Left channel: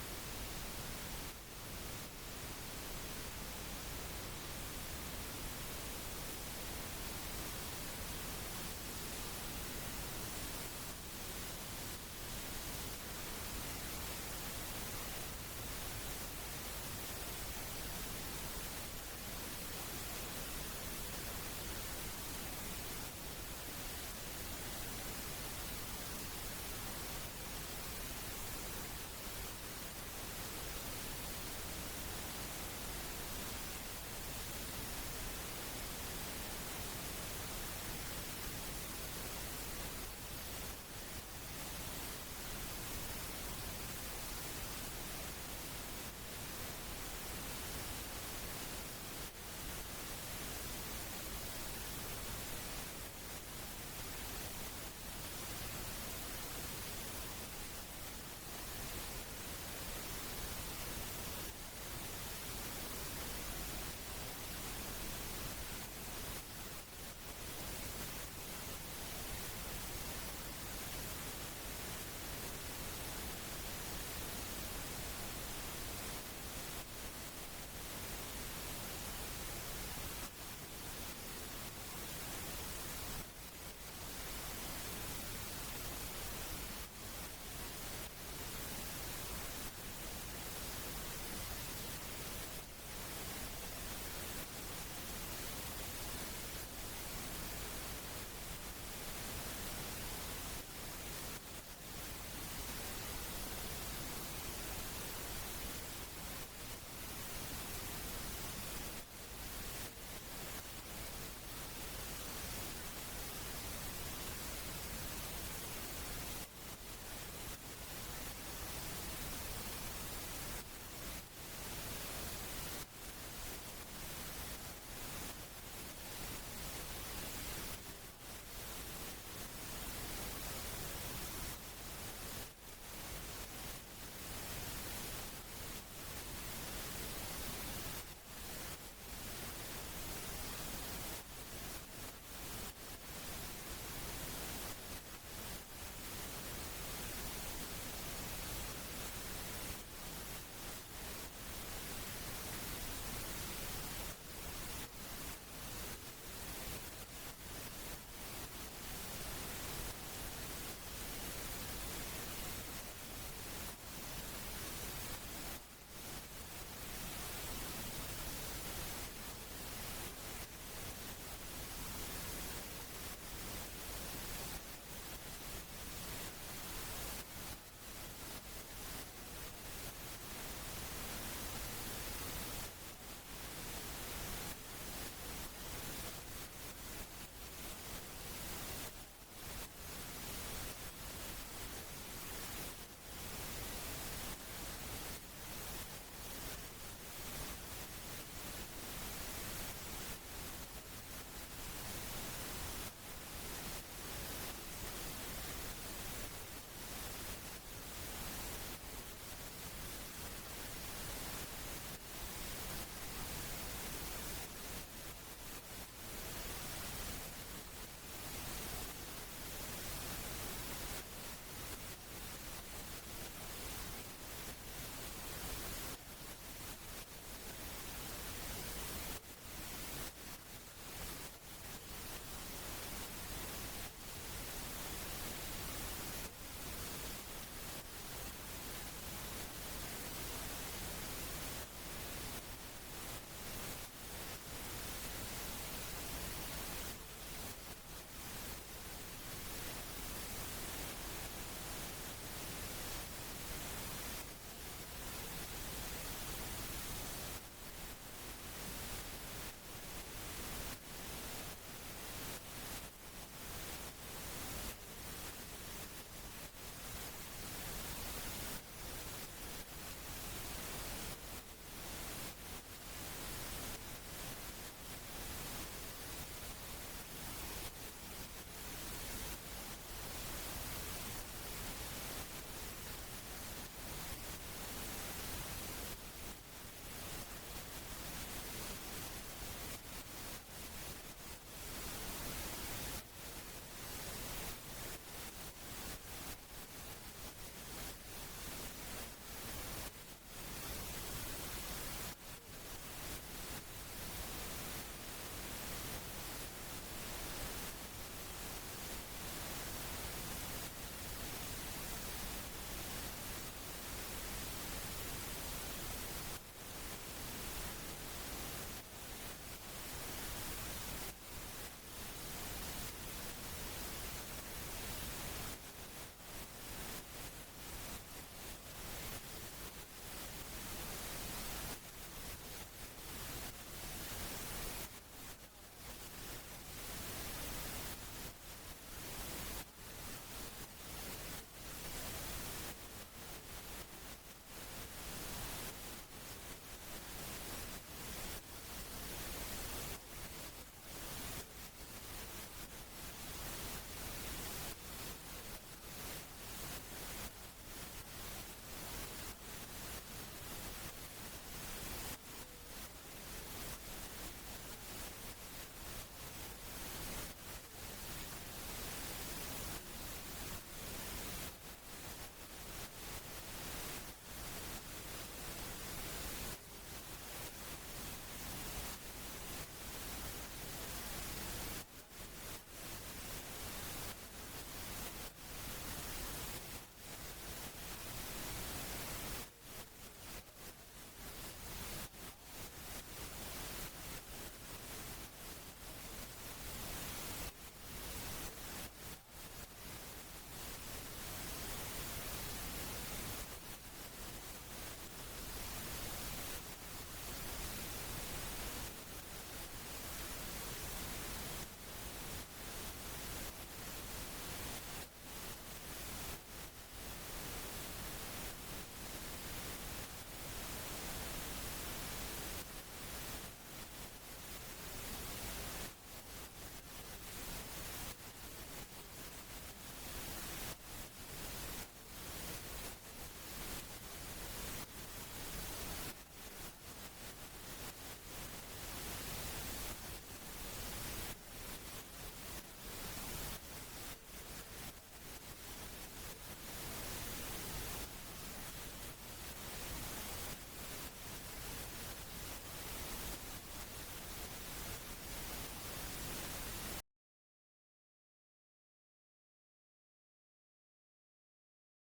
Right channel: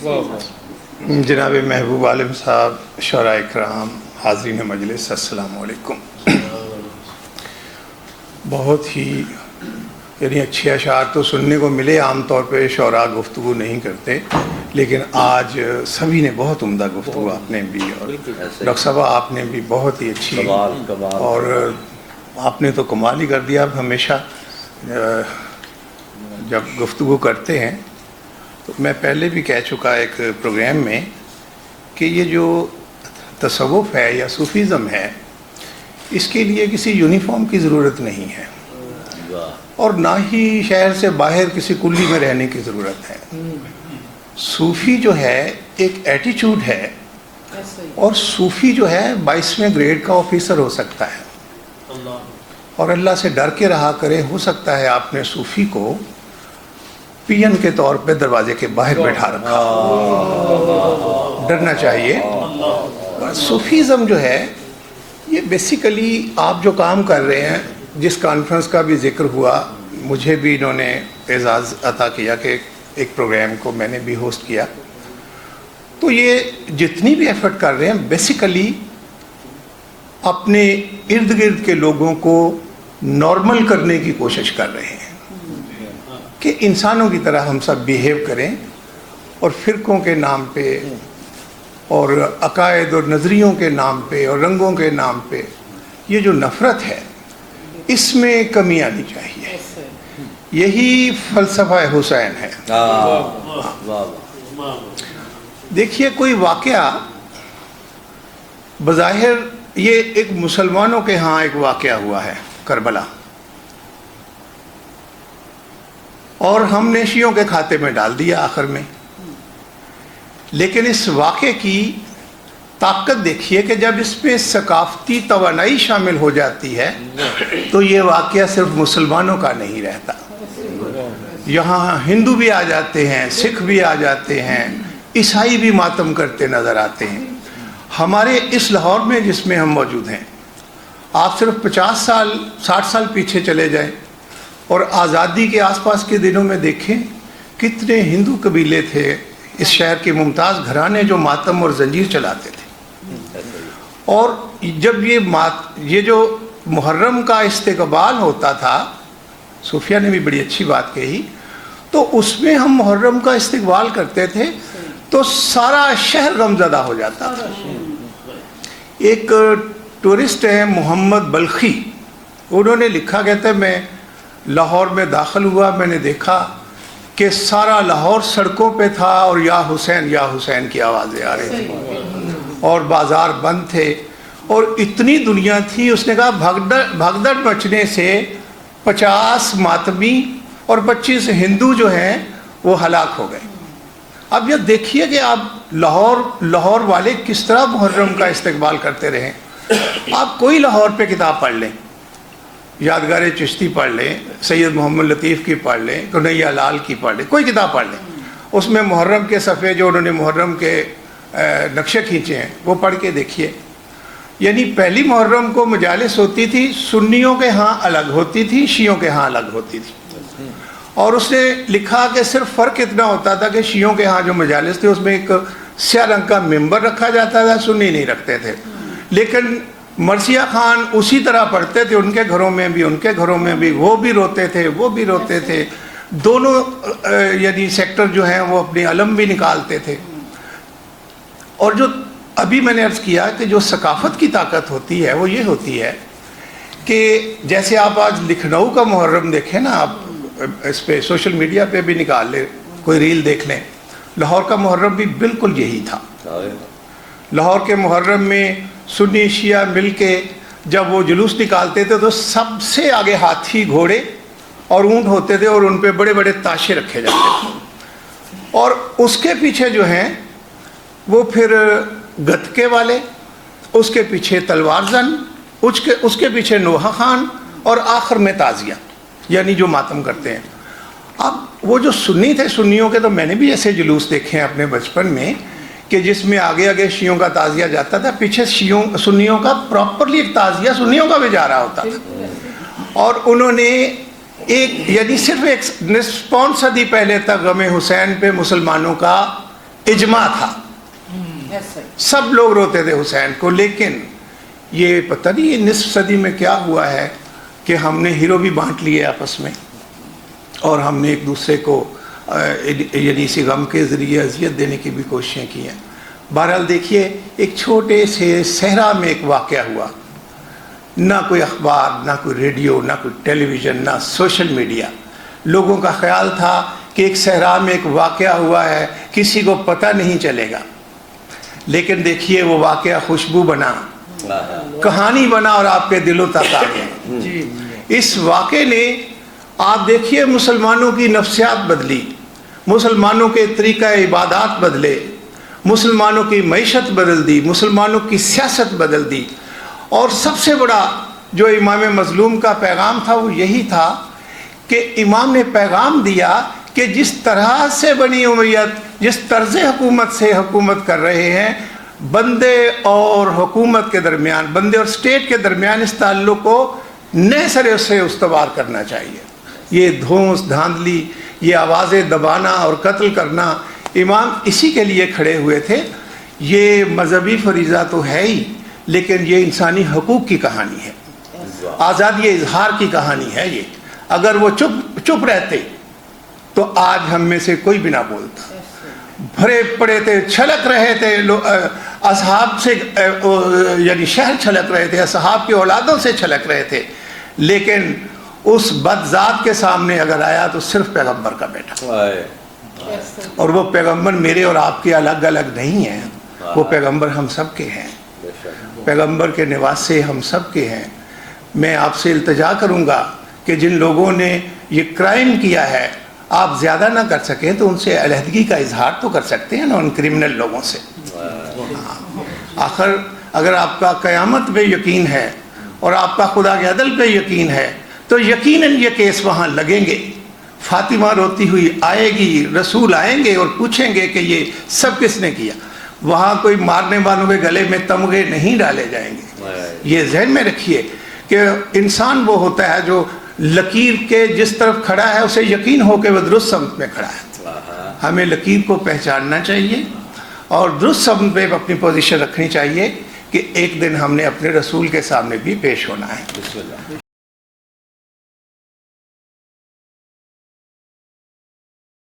جناب محبوب عالم صاحب، شعراء اکرام، حاضرین مجلس، السلام علیکم۔ بہت ہی اچھے اشعار تو سننے کو ملے، عام طور پہ شعراء گفتگو نہیں کرتے، لیکن آج سبھی نے بہت عمدہ گفتگو، آپ نے بھی اور ڈاکٹر صاحب آپ نے بھی بہت ہی اچھی، اور آپ نے تو کمال ہی کر دیا۔ آپ ہمیشہ جب گفتگو کرتے ہیں تو میں پہلے بھی کہہ چکا ایک پروگرام میں کہ یہ جو تصوف ہے یا صوفیزم ہے، اس کے لیے کسی یونیفارم کی ضرورت نہیں ہے، اور نہ ہی شہر سے باہر کسی کلی میں رہنے کی ضرورت ہے۔ صوفی جو ہے ایک ایٹیچیوڈ ہے، اور صوفی جو ہے 22ویں گریڈ کا آفیسر ہو سکتا ہے، اور اللہ سے ڈر کے رہا کرے۔ ہو سکتا ہے آپ نے صوفی کو پی این کے طور پہ دروازے کے باہر بیٹھا رکھا، ڈرنا چاہیے۔ صوفیزم جو ہے یہ بیسیکلی آپ جو کام کر رہے ہیں، جس کانفرنس کا بھی ذکر ہوا، مجھے بھی انہوں نے اعزاز عطا کیا کہ ایک پروگرام کو میں نے بھی ہوسٹ کیا، تو یہ جتنی بھی ایفرٹ کر رہے ہیں بیسیکلی اپنے ارد گرد کے لوگوں کو نارمل کرنے کی کوشش کر رہے ہیں کہ انسانوں کی طرح ہم سب بیہیو کریں، اور فرقوں کے نام پہ اور عقائد اور نظریوں کے نام پہ اور رنگوں کے نام پہ یہ جو نفرت ہے، اس میں کمی آنی چاہیے۔ یہی فلسفہ حسین ہے۔ دیکھیے، کوئی واقعہ بظاہر یہ ایک مسلمانوں کے ہاں ایک واقعہ ہوا ہے، کربلا، اور ہم نے شیعوں کے کھاتے میں ڈال دیا آخر میں، لیکن اس واقعے کی طاقت دیکھیے کہ جب اس میں ثقافتی توانائی شامل ہو جاتی ہے تو یہ واقعہ صرف مسلمانوں کا نہیں رہتا، یہاں ہندو بھی آ جاتے ہیں، سکھ بھی آ جاتے ہیں، عیسائی بھی ماتم کرتے نظر آتے ہیں۔ ہمارے اس لاہور میں جس میں ہم موجود ہیں، آپ صرف 50 سال 60 سال پیچھے چلے جائیں اور آزادی کے آس پاس کے دنوں میں دیکھیں کتنے ہندو قبیلے تھے اس شہر کے ممتاز گھرانے جو ماتم اور زنجیر چلاتے تھے، اور جب یہ جو محرم کا استقبال ہوتا تھا، صوفیہ نے بھی بڑی اچھی بات کہی، تو اس میں ہم محرم کا استقبال کرتے تھے تو سارا شہر غمزدہ ہو جاتا تھا۔ ایک ٹورسٹ ہیں محمد بلخی، انہوں نے لکھا، کہتے ہیں میں لاہور میں داخل ہوا، میں نے دیکھا کہ سارا لاہور سڑکوں پہ تھا اور یا حسین کی آوازیں آ رہی تھیں، اور بازار بند تھے، اور اتنی دنیا تھی۔ اس نے کہا بھگدڑ مچنے سے 50 ماتمی اور 25 ہندو جو ہیں وہ ہلاک ہو گئے۔ اب یہ دیکھیے کہ آپ لاہور والے کس طرح محرم کا استقبال کرتے رہے۔ آپ کوئی لاہور پہ کتاب پڑھ لیں، یادگار چشتی پڑھ لیں، سید محمد لطیف کی پڑھ لیں، کنیا لال کی پڑھ لیں، کوئی کتاب پڑھ لیں، اس میں محرم کے صفحے جو انہوں نے محرم کے نقشے کھینچے ہیں وہ پڑھ کے دیکھیے۔ یعنی پہلی محرم کو مجالس ہوتی تھی، سنیوں کے ہاں الگ ہوتی تھی، شیعوں کے ہاں الگ ہوتی تھی، اور اس نے لکھا کہ صرف فرق اتنا ہوتا تھا کہ شیعوں کے ہاں جو مجالس تھے اس میں ایک سیاہ رنگ کا ممبر رکھا جاتا تھا، سنی نہیں رکھتے تھے، لیکن مرثیہ خان اسی طرح پڑھتے تھے، ان کے گھروں میں بھی وہ بھی روتے تھے، دونوں یعنی سیکٹر جو ہیں وہ اپنی علم بھی نکالتے تھے۔ اور جو ابھی میں نے عرض کیا کہ جو ثقافت کی طاقت ہوتی ہے وہ یہ ہوتی ہے کہ جیسے آپ آج لکھنؤ کا محرم دیکھیں نا، آپ اس پہ سوشل میڈیا پہ بھی نکال لیں، کوئی ریل دیکھ لیں، لاہور کا محرم بھی بالکل یہی تھا۔ لاہور کے محرم میں سنی شیعہ مل کے جب وہ جلوس نکالتے تھے تو سب سے آگے ہاتھی، گھوڑے اور اونٹ ہوتے تھے، اور ان پہ بڑے بڑے تاشے رکھے جاتے تھے، اور اس کے پیچھے جو ہیں وہ پھر گتکے والے، اس کے پیچھے تلوار زن، اس کے پیچھے نوحہ خان، اور آخر میں تازیہ، یعنی جو ماتم کرتے ہیں۔ اب وہ جو سنی تھے، سنیوں کے تو میں نے بھی ایسے جلوس دیکھے ہیں اپنے بچپن میں کہ جس میں آگے آگے شیعوں کا تعزیہ جاتا تھا، پیچھے سنیوں کا پراپرلی ایک تعزیہ سنیوں کا بھی جا رہا ہوتا تھا، اور انہوں نے یعنی صرف ایک نصف پون صدی پہلے تک غم حسین پہ مسلمانوں کا اجماع تھا، سب لوگ روتے تھے حسین کو. لیکن یہ پتہ نہیں یہ نصف صدی میں کیا ہوا ہے کہ ہم نے ہیرو بھی بانٹ لیے آپس میں، اور ہم نے ایک دوسرے کو یعنی اسی غم کے ذریعے اذیت دینے کی بھی کوششیں کی ہیں. بہرحال دیکھیے، ایک چھوٹے سے صحرا میں ایک واقعہ ہوا، نہ کوئی اخبار، نہ کوئی ریڈیو، نہ کوئی ٹیلی ویژن، نہ سوشل میڈیا. لوگوں کا خیال تھا کہ ایک صحرا میں ایک واقعہ ہوا ہے، کسی کو پتہ نہیں چلے گا. لیکن دیکھیے وہ واقعہ خوشبو بنا، کہانی بنا، اور آپ کے دلوں تک آ گیا. اس واقعے نے آپ دیکھیے مسلمانوں کی نفسیات بدلی، مسلمانوں کے طریقہ عبادات بدلے، مسلمانوں کی معیشت بدل دی، مسلمانوں کی سیاست بدل دی. اور سب سے بڑا جو امام مظلوم کا پیغام تھا وہ یہی تھا کہ امام نے پیغام دیا کہ جس طرح سے بنی امیت جس طرز حکومت سے حکومت کر رہے ہیں، بندے اور حکومت کے درمیان، بندے اور اسٹیٹ کے درمیان اس تعلق کو نئے سرے سے استوار کرنا چاہیے. یہ دھونس دھاندلی، یہ آوازیں دبانا اور قتل کرنا، امام اسی کے لیے کھڑے ہوئے تھے. یہ مذہبی فریضہ تو ہے ہی، لیکن یہ انسانی حقوق کی کہانی ہے، آزادی اظہار کی کہانی ہے. یہ اگر وہ چپ رہتے تو آج ہم میں سے کوئی بھی نہ بولتا. بھرے پڑے تھے، چھلک رہے تھے اصحاب سے، یعنی شہر چھلک رہے تھے، اصحاب کی اولادوں سے چھلک رہے تھے. لیکن اس بد ذات کے سامنے اگر آیا تو صرف پیغمبر کا بیٹا، اور وہ پیغمبر میرے اور آپ کے الگ الگ نہیں ہیں، وہ پیغمبر ہم سب کے ہیں، پیغمبر کے نواسے ہم سب کے ہیں. میں آپ سے التجا کروں گا کہ جن لوگوں نے یہ کرائم کیا ہے، آپ زیادہ نہ کر سکیں تو ان سے علیحدگی کا اظہار تو کر سکتے ہیں نا، ان کرمنل لوگوں سے. آخر اگر آپ کا قیامت پہ یقین ہے اور آپ کا خدا کے عدل پہ یقین ہے تو یقیناً یہ کیس وہاں لگیں گے. فاطمہ روتی ہوئی آئے گی، رسول آئیں گے اور پوچھیں گے کہ یہ سب کس نے کیا. وہاں کوئی مارنے والوں کے گلے میں تمغے نہیں ڈالے جائیں گے. یہ ذہن میں رکھیے کہ انسان وہ ہوتا ہے جو لکیر کے جس طرف کھڑا ہے اسے یقین ہو کہ وہ درست سمت میں کھڑا ہے. ہمیں لکیر کو پہچاننا چاہیے اور درست سمت پہ اپنی پوزیشن رکھنی چاہیے کہ ایک دن ہم نے اپنے رسول کے سامنے بھی پیش ہونا ہے.